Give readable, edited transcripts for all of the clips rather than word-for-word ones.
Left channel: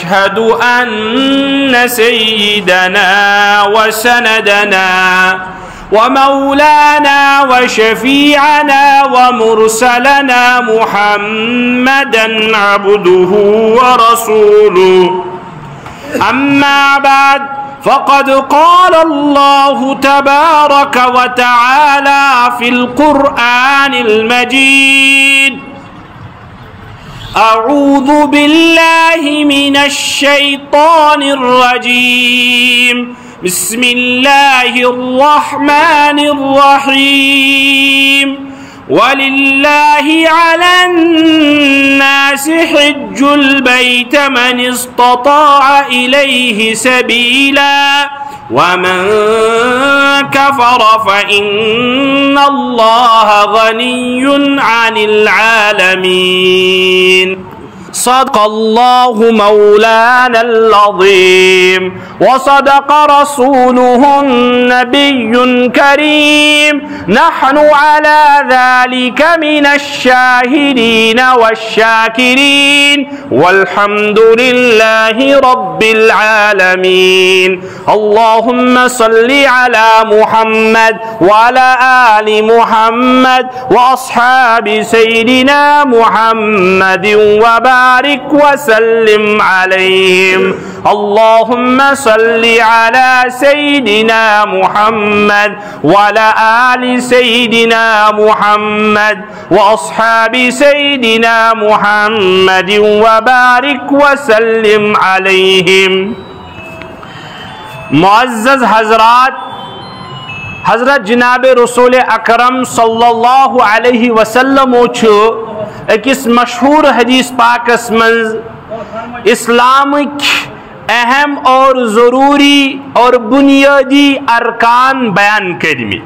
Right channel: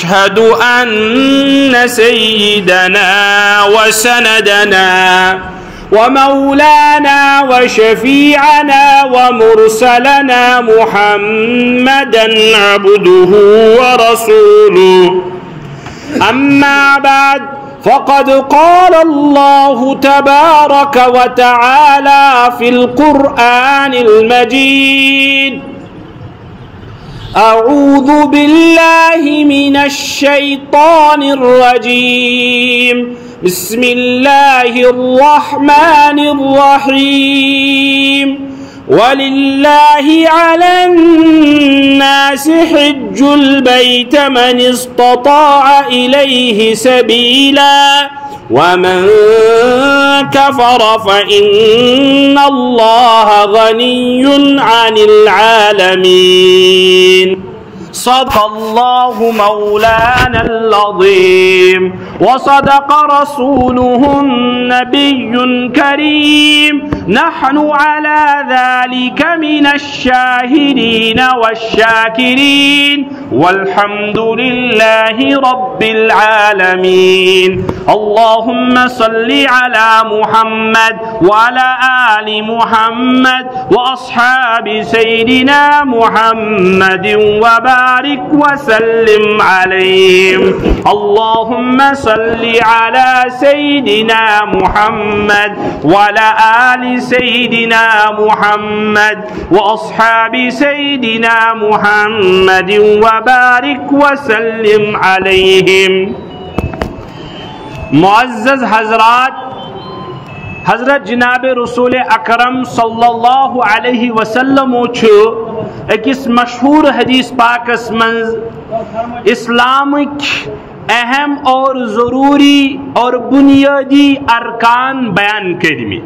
أشهد أن سيدنا وسندنا ومولانا وشفيعنا ومرسلنا محمدا عبده ورسوله. أما بعد، فقد قال الله تبارك وتعالى في القرآن المجيد: أعوذ بالله من الشيطان الرجيم، بسم الله الرحمن الرحيم. ولله على الناس حج البيت من استطاع إليه سبيلا ومن كفر فإن الله غني عن العالمين. صدق الله مولانا العظيم وصدق رسوله النبي الكريم. نحن على ذلك من الشاهدين والشاكرين والحمد لله رب العالمين. اللهم صل على محمد وعلى آل محمد وأصحاب سيدنا محمد وبارك وسلم عليهم. اللهم صل على سيدنا محمد وعلى آل سيدنا محمد وأصحاب سيدنا محمد وبارك وسلم عليهم. معزز حضرات، حضرت جناب رسول اکرم صلی اللہ علیہ وسلم اکس مشہور حدیث پاکس من اسلامک اہم اور ضروری اور بنیادی ارکان بیان کرمی.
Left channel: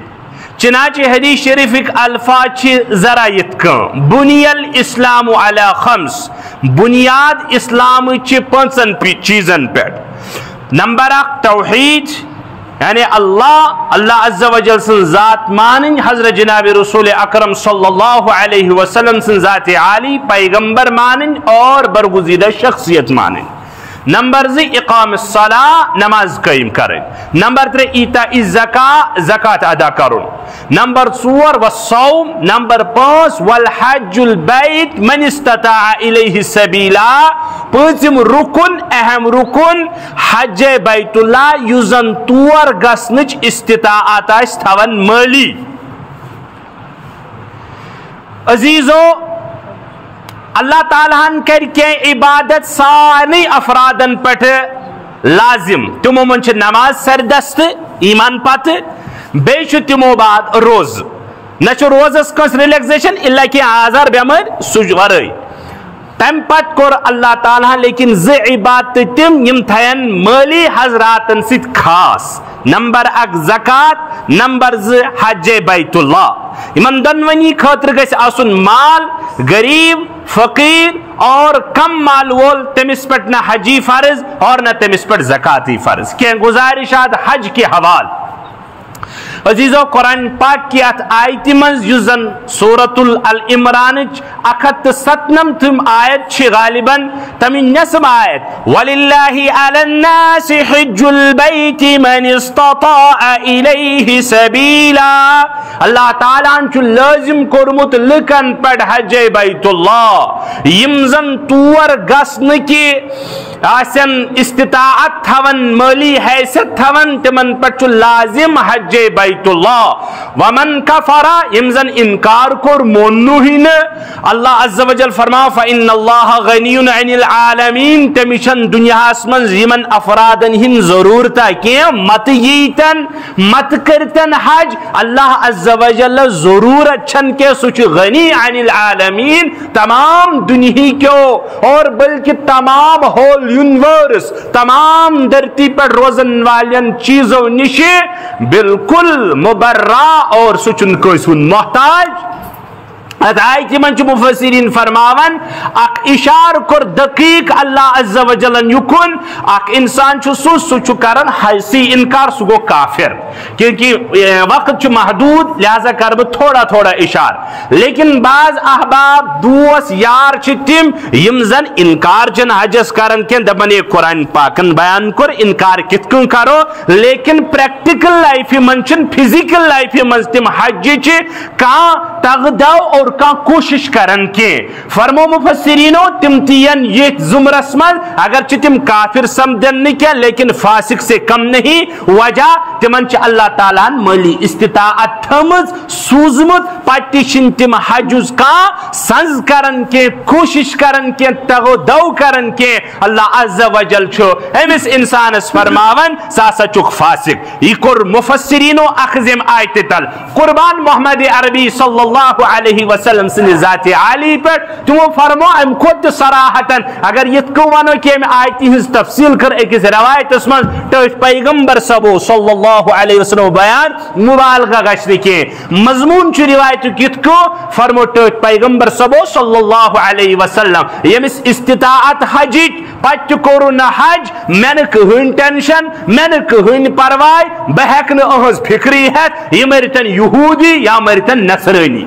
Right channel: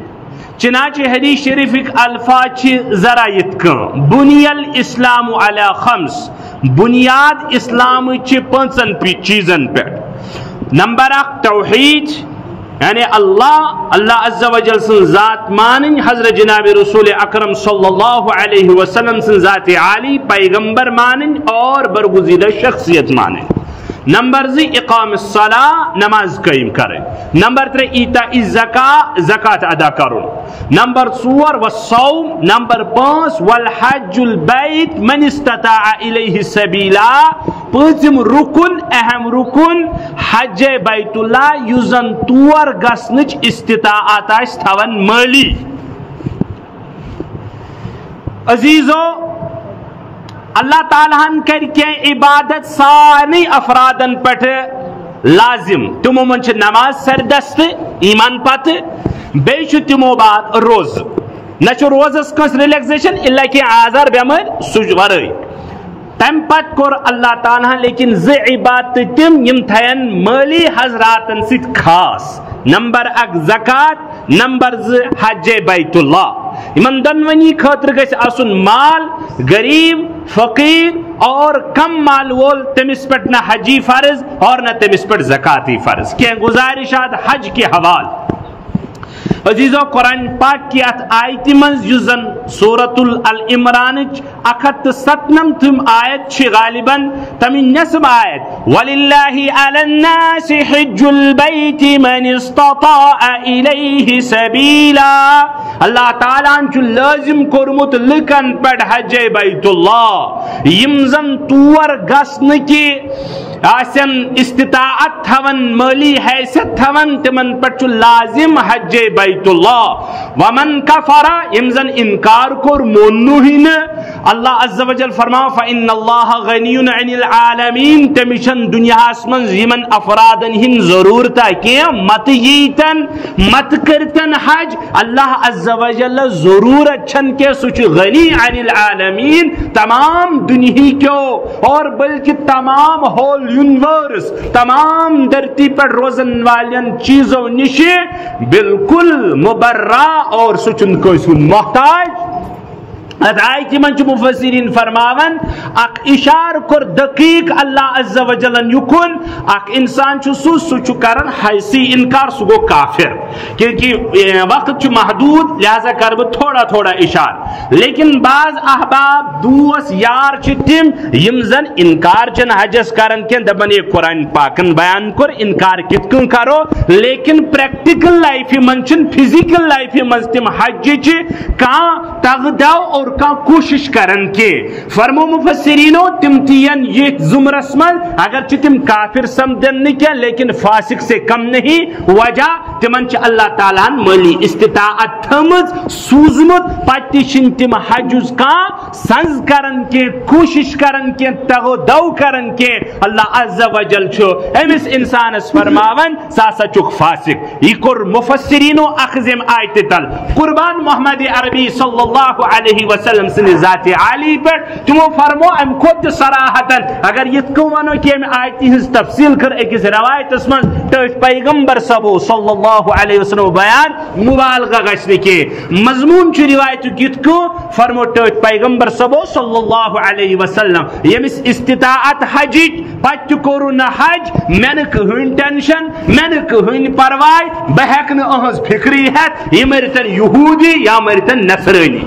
چنانچہ حدیث شریفک الفاظ ذرا یتکن: بنی الاسلام علی خمس، بنیاد اسلام پانچن چیزن پر. نمبر 1 توحید، یعنی اللہ عز و جل سن ذات مانن، حضرت جناب رسول اکرم صلی اللہ علیہ وسلم سن ذات عالی پیغمبر مانن اور برگزیدہ شخصیت مانن. نمبر 2 اقام الصلاة، نماز قائم کریں. نمبر 3 ایتاء الزکاة، زکاة ادا کرو. نمبر 4 والصوم. نمبر 5 والحج البیت من استطاع الیہ سبیلا. پانچم رکن، اہم رکن حج بیت اللہ یوزن تور گسنچ استطاعت اس تھون مالی. عزیزو، اللہ تعالیٰ کر کے عبادت سارے افرادن پٹ لازم. تمو من نماز سردست ایمان پت، بیچ تمو بعد روز. نہ روزس کس ریلیکسیشن اللہ کی آزار بیمار سجورئی. تم پت کور اللہ تعالیٰ لیکن زِ عبادت تم یم تھین مالی حضراتن ست خاص. نمبر 1 زکات، نمبر 2 حج بیت اللہ. یمن دونونی خاطر گژھِ آسن مال. غریب، فقیر اور کم مال وول تمس پٹ نہ حجی فرض اور نہ تمس پٹ زکاتی فرض. کیا گزارشات حج کے حوال. عزیزو، قرآن پاک کی ات آیت منز یزن سورۃ العمران 107 آیت چھ غالباً تمہیں نصب آیت: وَلِلَّهِ عَلَى النَّاسِ حِجُّ الْبَيْتِ مَنِ اسْتَطَاعَ إِلَيْهِ سَبِيلًا. اللہ تعالیٰ چھ لازم کرمت لکن پڑ حج بیت اللہ یمزن تور گسن کی آسن استطاعت تھون، مالی حیثیت تھون، تمن پڑ چھ لازم حج بیت اللہ. ومن کفر، یمزن انکار کر مونو ہی نہ، اللہ عز و جل فرما فإن اللہ غنی عن العالمین. تمشن دنیا اسمن یمن افرادن ہن ضرورتا کہ مت ییتن مت کرتن حج. اللہ عز و جل ضرورت چھن کے سچ غنی عن العالمین، تمام دنیا کو اور بلکہ تمام ہول یونیورس، تمام دھرتی پر روزن والین چیزوں نشے بالکل مبرہ اور سچن کو سن محتاج. آیت من مفسرین فرماون اک اشار کر دقیق اللہ عز و جل یکن اک انسان سو کرن حیثی انکار سو گو کافر کیونکہ وقت محدود لہذا کر تھوڑا تھوڑا اشار لیکن بعض احباب دوست یار تم یم زن انکار چن حجس کرن کن دپن یہ قرآن پاکن بیان کر انکار کت کن کرو لیکن پریکٹیکل لائف من چن فزیکل لائف من تم حج کان تغدو اور کا کوشش کرن کے فرمو مفسرینو تم تین یہ زمرس من اگر تم کافر سمدن نہیں کیا لیکن فاسق سے کم نہیں وجہ تمن اللہ تعالیٰ مالی استطاعت تھمز سوزمت پتیشن تم حجز کا سنز کرن کے کوشش کرن کے تغو دو کرن کے اللہ عز و جل چھو امس انسان اس فرماون ساسا چک فاسق یہ کر مفسرینو اخزم آیت تل قربان محمد عربی صلی اللہ علیہ وسلم سن ذات عالی پر تو فرمو ام خود صراحتاً اگر یہ کوانو کہ ام آیتی ہز تفصیل کر ایک روایت اس میں تو پیغمبر سبو صلی اللہ علیہ وسلم بیان مبالغہ گشت کے مضمون چو روایت کت کو فرمو تو پیغمبر سبو صلی اللہ علیہ وسلم یمس استطاعت حجیت پچ کورونا حج منک ہوئن ٹینشن منک ہوئن پروائی بہکن اہز فکری ہے یہ مرتن یہودی یا مرتن نصرانی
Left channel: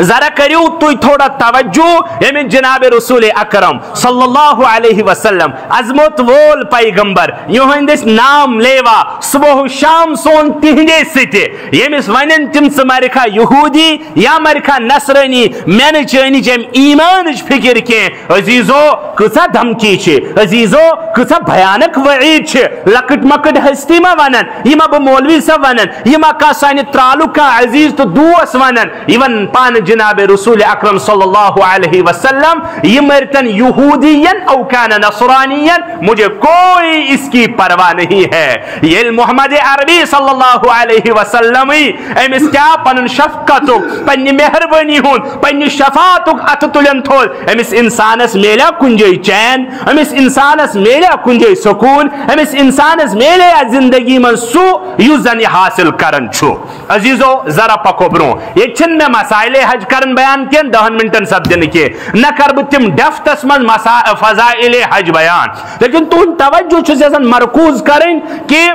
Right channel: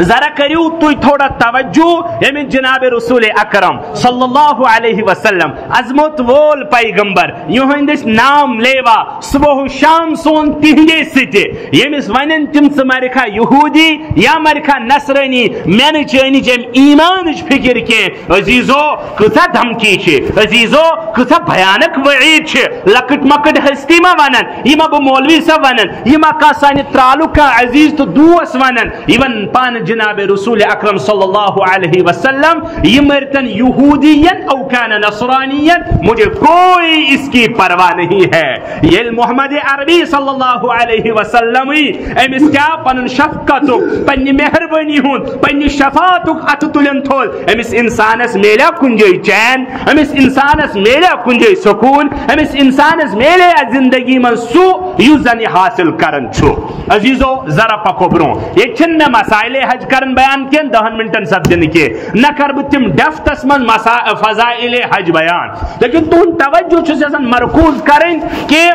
ذرا کریو تو تھوڑا توجہ ہمیں جناب رسول اکرم صلی اللہ علیہ وسلم عظمت وول پیغمبر یہندس نام لیوا صبح و شام سون تہندے ستے یمس ونن تم سمرکھا یہودی یا مرکھا نصرانی میں چانی جم ایمان فکر کے عزیزو کسا دھمکی چھے عزیزو کسا بھیانک وعید چھے لکٹ مکٹ ہستی ما ونن یہ ما مولوی سا ونن یہ ما کسانی ترالو کا عزیز تو دوس ونن ایون پان جناب رسول اکرم صلی اللہ علیہ وسلم یہ مرتن یہودین او کان نصرانین مجھے کوئی اس کی پرواہ نہیں ہے یہ محمد عربی صلی اللہ علیہ وسلم امس کیا پنن شفقتو پنی مہربانی ہون پنی شفاعتو اتتلن تھول امس انسانس میلیا کنجی چین امس انسانس میلیا کنجی سکون امس انسانس میلیا زندگی من سو یوزن حاصل کرن چھو عزیزو ذرا پکو برو یہ چھن میں مسائل حج کرن بیان کین 10 منٹن سب دن کے نہ کر بتم دفتس من فضائل حج بیان لیکن تو توجہ چھن مرکوز کریں کہ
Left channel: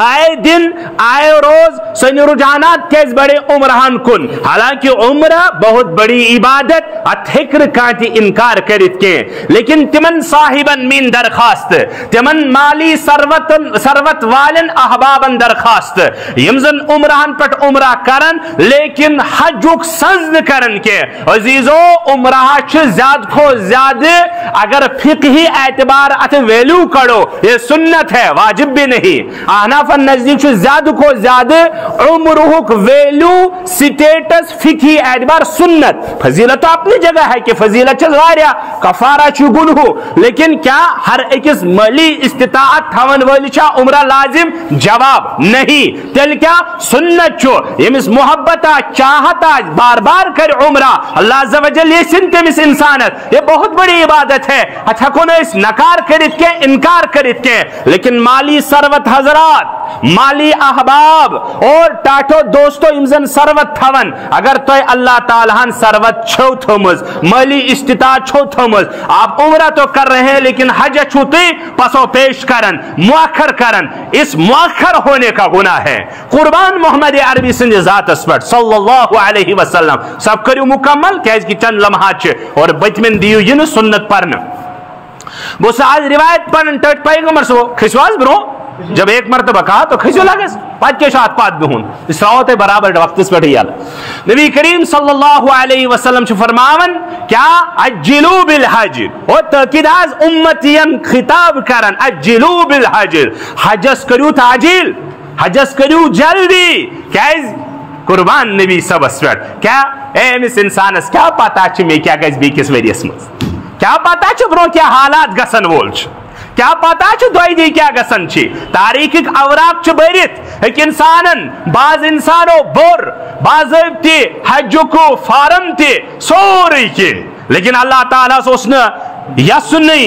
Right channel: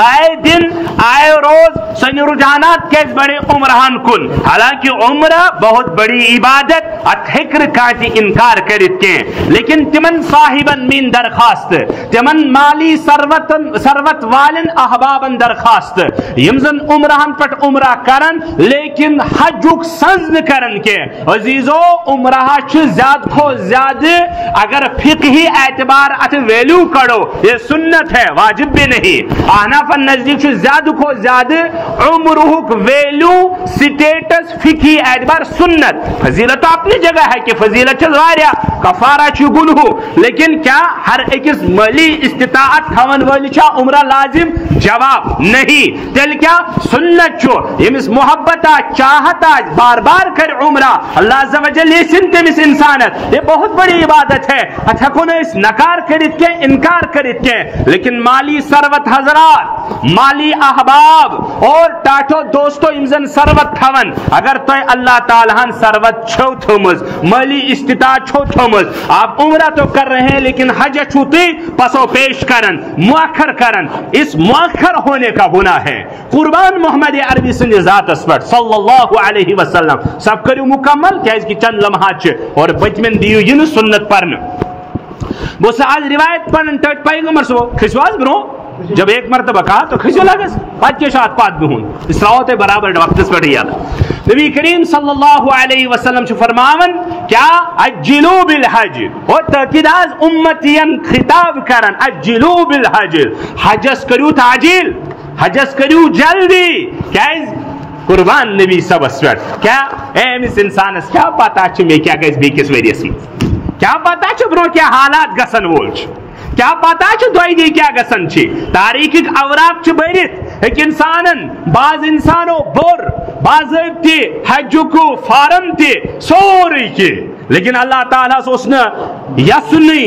آئے دن آئے روز سن رجحانات کیس بڑے عمرہان کن حالانکہ عمرہ بہت بڑی عبادت اتھکر کانتی انکار کرت کے لیکن تمن صاحبن من درخواست تمن مالی ثروت والن احبابن درخواست یمزن عمرہان پٹ عمرہ کرن لیکن حجک سزد کرن کے عزیزو عمرہ چھ زیاد کو زیادہ اگر فقہی اعتبار ات ویلو کرو یہ سنت ہے واجب بھی نہیں آنا نزدیک سے زیادہ کو زیادہ عمرہ ویلو سٹیٹس فقہی اعتبار سنت فضیلت اپنی جگہ ہے کہ فضیلت چلواریا کفارہ چگن ہو لیکن کیا ہر ایک مالی استطاعت تھون والی چا عمرہ لازم جواب نہیں تل کیا سنت چو یمس محبتا چاہتا بار بار کر عمرہ اللہ عز و جل یہ سنتے مس انسانت یہ بہت بڑی عبادت ہے اچھا کو اس نکار کرت کے انکار کرت کے لیکن مالی ثروت حضرات مالی احباب اور ٹاٹو دوستو امزن ثروت تھون اگر تو اللہ تعالیٰ ثروت چھو تھومز مالی استطاعت چھو تھومز آپ عمرہ تو کر رہے ہیں لیکن حج چھوتے پسو پیش کرن مؤخر کرن اس مؤخر ہونے کا گناہ ہے قربان محمد عربی سنجھ ذات اسپٹ صلی اللہ علیہ وسلم سب کریو مکمل کیا اس کی چند لمحات چھے اور بچمن دیو ین سنت پرن بس آج روایت پرن ٹٹ پیغمبر سو خسواز برو جب ایک مرتبہ کہا تو کھسو لگے پاک کے شاعت پات بھی ہون اس راوت برابر وقت اس بیٹھے یاد نبی کریم صلی اللہ علیہ وسلم سے فرماون کیا اجلو بالحج اور تاکیداز امتیم خطاب کرن اجلو بالحج حجس کریو تعجیل حجس کریو جلدی کیز قربان نبی سب اسوٹ کیا اے امس انسانس کیا پاتا چھ میں کیا گز بی کس ویریس میں کیا پاتا چھ برو کیا حالات گسن وولچ کیا پتا چھ دوئی دی کیا گسن چھ تاریخ ایک اوراق چھ بیرت ایک انسانن بعض انسانو بور بعض تی حج کو فارم تی سوری کی لیکن اللہ تعالیٰ سے اس نے یسنی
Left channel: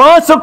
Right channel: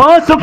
5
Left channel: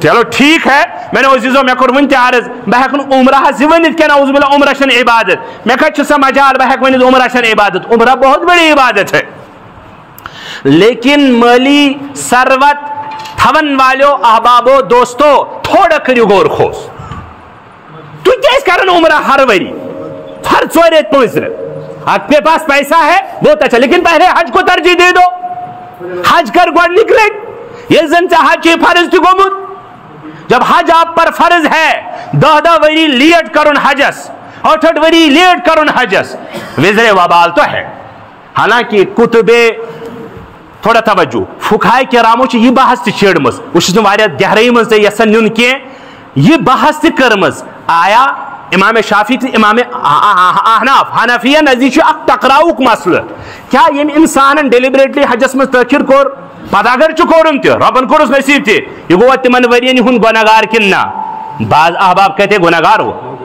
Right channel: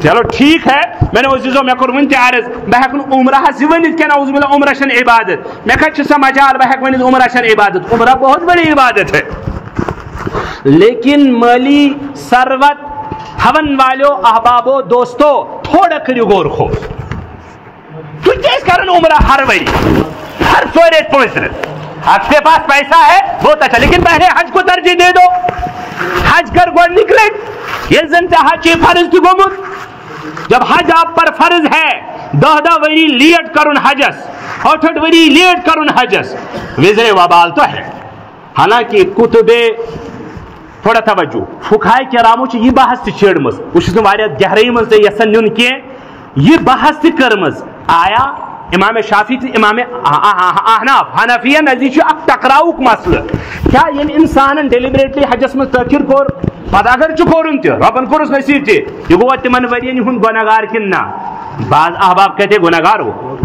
چلو ٹھیک ہے میں نے عزیزو میں کور ون عرض بہ ہیکن عمرہ ونت کہ نعوذ باللہ عمرہ چھن عبادت میں کت سا مجال بہ ہیک ونت عمرہ چھن عبادت عمرہ بہت بڑی عبادت ہے لیکن مالی ثروت تھون والو احبابو دوستو تھوڑا کریو غور خوف تو کیس کرن عمرہ ہر وری ہر 4 ریت 5 ریت آپ کے پاس پیسہ ہے بہت اچھا لیکن پہلے حج کو ترجیح دے دو حج کر گوڑ نکلے یہ زن سے حج فرض تھی گومت جب حج آپ پر فرض ہے 10 وری لیٹ کرن حجس 8 وری لیٹ کرن حجس وزر وبال تو ہے حالانکہ کتبے تھوڑا توجہ فقہائے کرامو چھ یہ بحث تہ چھیڑمس اس واریاہ گہرائی مز یسن نیون کی یہ بحث تہ کرمز آیا امام شافعی تہ امام احناف حنفیہ نزدیک اخ ٹکراؤک مسئلہ کیا یم انسان ڈیلیبریٹلی حجس مز تاخیر کور پتہ اگر چھ کورم تہ ربن کورس نصیب تہ یہ گو تمن ورین ہن گناہگار کن نا بعض احباب کہتے گناہگار ہو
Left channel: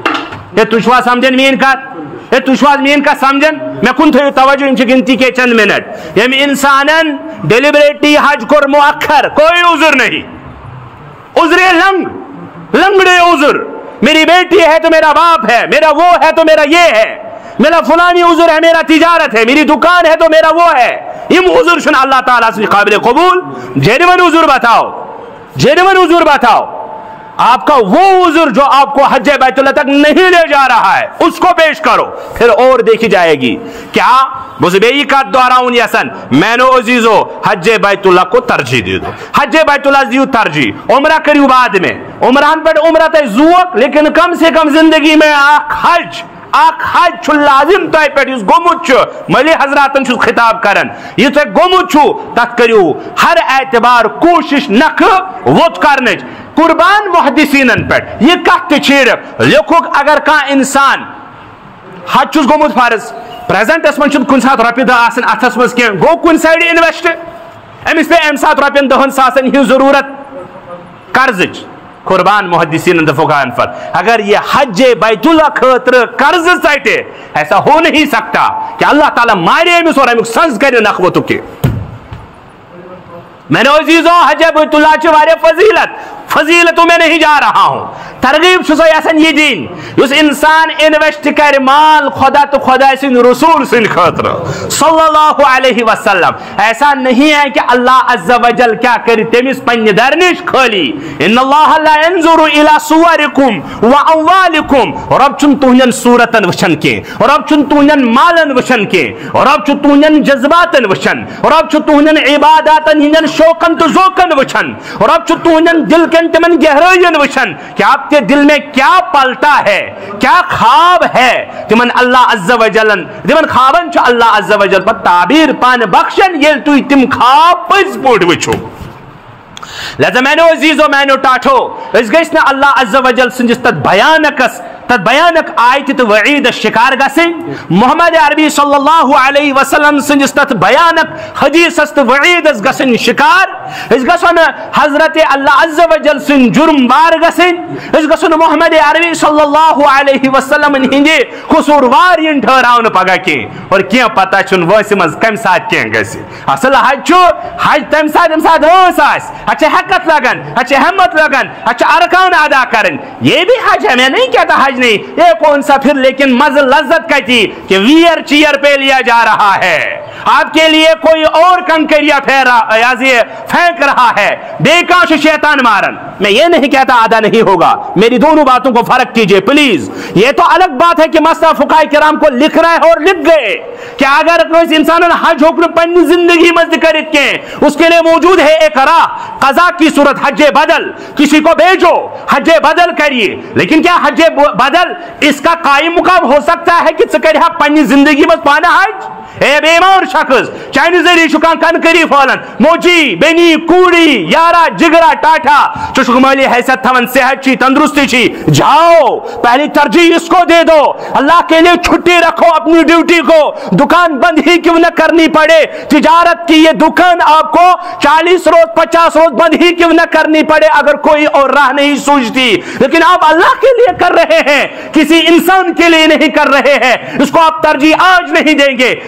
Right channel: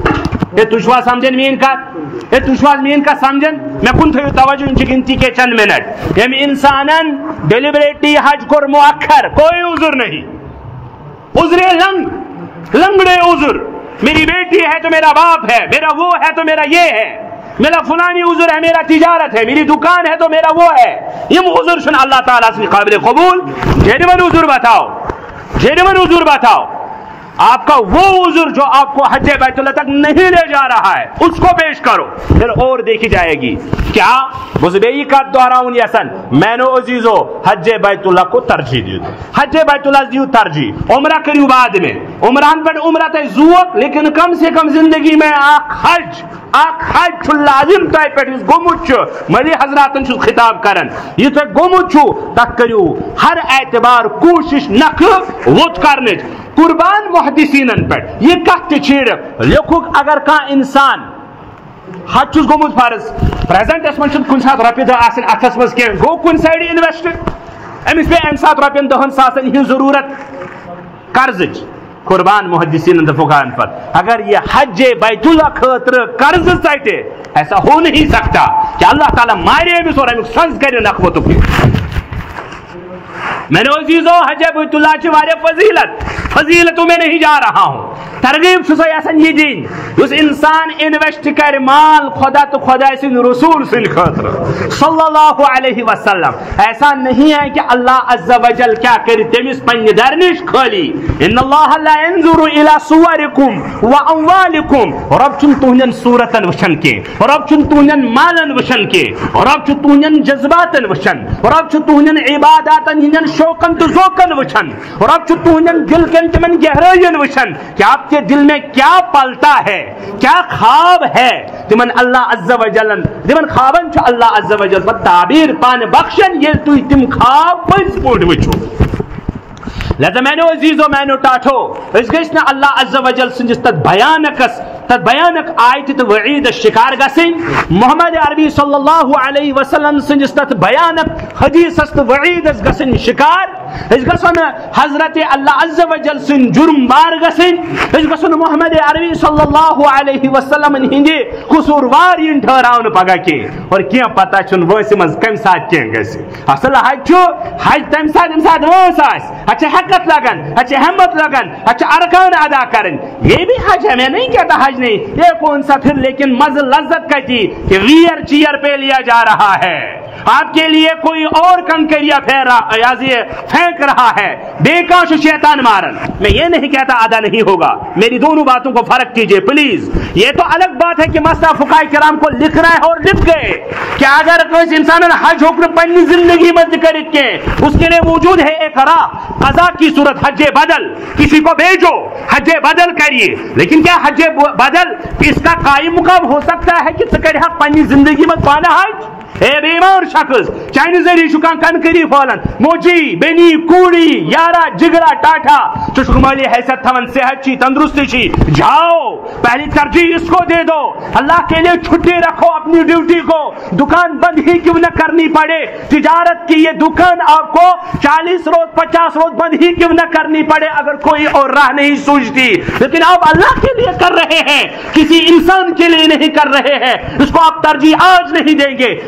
یہ تشوا سمجھن مین کت یہ تشوا مین کا سمجھن میں کن تھو توجہ ان گنتی کے چند منٹ یم انسانن ڈیلیبریٹلی حج کور مؤخر کوئی عذر نہیں عذر لنگڑے عذر میری بیٹی ہے تو میرا باپ ہے میرا وہ ہے تو میرا یہ ہے میرا فلانی عذر ہے میرا تجارت ہے میری دکان ہے تو میرا وہ ہے یم عذر شن اللہ تعالیٰ سے قابل قبول جینون عذر بتاؤ جینون عذر بتاؤ آپ کا وہ عذر جو آپ کو حج بیت اللہ تک نہیں لے جا رہا ہے اس کو پیش کرو پھر اور دیکھی جائے گی کیا مزبئی کا دہراؤں یسن میں نو عزیزو حج بیت اللہ کو ترجیح دے دو حج بیت اللہ دیو ترجیح عمرہ کریو بعد میں عمران پر عمرہ تے زوق لیکن کم سے کم زندگی میں حج چھو لازم تائی پیٹ اس گمت چھو ملی حضراتن چھو خطاب کرن یہ تو گمت چھو تک کریو ہر اعتبار کوشش نک ووت کرنج قربان محدثینن پیٹ یہ کہتے چھیڑ لکھوک اگر کا انسان حج چھوز گمت فرض پریزنٹ اس منچن کن ساتھ رپی دہ آسن اتھس مز کے گو کن سائڈ انویسٹ امس پہ ام ساتھ رپین 10 ساسن ہی ضرورت قرض قربان محدثین فقہاء فر اگر یہ حج بیت اللہ خاطر قرض سائٹے ایسا ہو نہیں سکتا کہ اللہ تعالیٰ مارے امس اور امس سنز کرے نخوتو کے میں نے عزیزو حج بیت اللہ چھ وارے فضیلتوں میں نہیں جا رہا ہوں ترغیب چھو یسن یہ دین اس انسان انویسٹ کر مال خدا تو خدا سن رسول سن خاطر صلی اللہ علیہ وسلم ایسا نہیں ہے کہ اللہ عز و جل کیا کری تمس پنہ درنش خالی ان اللہ لا ينظر الى صورکم واموالکم رب چن تہنن صورتن وچھن کے رب چن تہنن مالن وچھن کے رب چن تہنن جذباتن وچھن رب چن تہنن عباداتن ہنن شوقن تو ذوقن وچھن رب چن تہنن دل کن تمن گہرائین وچھن کہ آپ کے دل میں کیا پلتا ہے کیا خواب ہے تمن اللہ عز و جل تمن خوابن چھ اللہ عز و جل پر تعبیر پان بخشن یل تو تم خواب پز پوٹ وچھو لہذا میں نے عزیزو میں نے ٹاٹھو اس گیس نے اللہ عز و جل سنجس تد بیانک آیت تو وعید شکار گسی محمد عربی صلی اللہ علیہ وسلم سنجس تد بیانک حدیث است وعید اس گسن شکار اس گسن حضرت اللہ عز و جل سن جرم بار گسن اس گسن محمد عربی صلی اللہ علیہ وسلم ہنگے قصوروار ین ٹھہراؤن پگا کے اور کیا پتہ چن ویسے مز کم ساتھ کیا گسی اصل حج چھو حج تم ساتھ وانس آس اچھا حقت لگن اچھا ہمت لگن اچھا ارکان ادا کرن یہ بھی حج ہے میں نہیں کہتا حج نہیں یہ کون سا پھر لیکن مزل لذت کہتی کہ ویر چیر پہ لیا جا رہا ہے آپ کے لیے کوئی اور کنکریہ پھینک رہا ہے بے کاش شیطان مارن میں یہ نہیں کہتا ادا نہیں ہوگا میری دونوں باتوں کو فرق کیجئے پلیز یہ تو الگ بات ہے کہ مسئلہ فقہاء کرام کو لکھ رہے ہیں اور لکھ گئے کہ اگر کوئی انسان حج حکم پنی زندگی مزد کرت کے اس کے لیے موجود ہے ایک راہ ازا کی صورت حج بدل کسی کو بھیجو حج بدل کریے لیکن کیا حج بدل اس کا قائم مقام ہو سکتا ہے کہ سکرہ پنی زندگی میں پانا حج اے بیمار شخص چائنی ذریعہ شکان کنکری فولن موچی بینی کوڑی یارا جگرا ٹاٹا چشک مالی حیثیت تھون صحت چی تندرستی چی جاؤ پہلی ترجیح اس کو دے دو اللہ کے لیے چھٹی رکھو اپنی ڈیوٹی کو دکان بند ہی کیوں نہ کرنی پڑے تجارت کی یہ دکان آپ کو 40 روز 50 روز بند ہی کیوں نہ کرنی پڑے اگر کوئی اور راہ نہیں سوچتی لیکن آپ اللہ کے لیے کر رہے ہیں کسی انسان کے لیے نہیں کر رہے ہیں اس کو آپ ترجیح آج نہیں دیں گے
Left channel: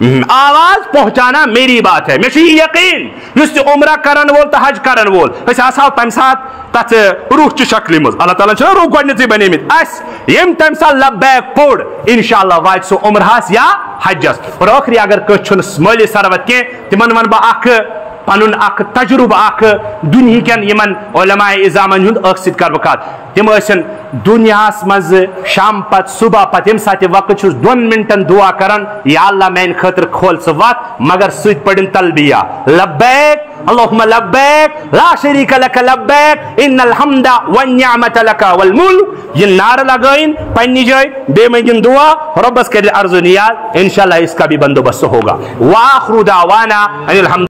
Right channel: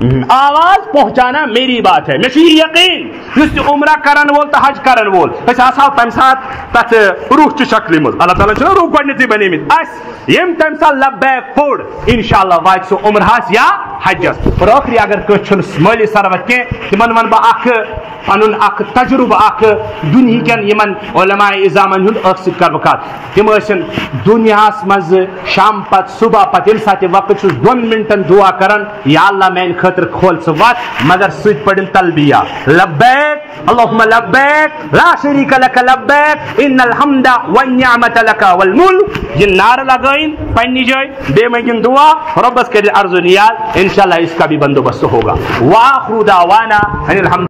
آواز پہنچانا میری بات ہے میں یقین اس عمرہ کرن وول تو حج کرن وول اس آساو تم سات تت روح چ شکل مز اللہ تعالیٰ چھنا روح گۄڈنیتھٕے بنیمت اس یم تم سات لبیک پوڑ انشاءاللہ وات سو عمرہس یا حجس اور ٲخری اگر کٲنٛسہِ چھُنہٕ مٲلی ثروت کینٛہہ تمن ون بہٕ اکھ پنن اکھ تجربہ اکھ دنیا کن یمن علماء اظامن ہند اکھ سۭتۍ کر بہٕ کتھ تم ٲسن دنیاہس منٛز شام پتہٕ صبح پتہٕ ییٚمہِ ساتہٕ وقت چھُس 2 منٹن دعا کران یا اللہ میانہِ خٲطرٕ کھول ژٕ وتھ مگر سۭتۍ پڑھن تلبیہ لبیک اللہم لبیک لا شریک لک لبیک ان الحمد والنعمت لک والملک یہ نعرہ لگائیں پننہِ جائے بیٚیہِ منگن دعا ربس کرِ عرض و نیاز انشاءاللہ اس کا بھی بندوبست ہوگا وآخر دعوانا ان الحمد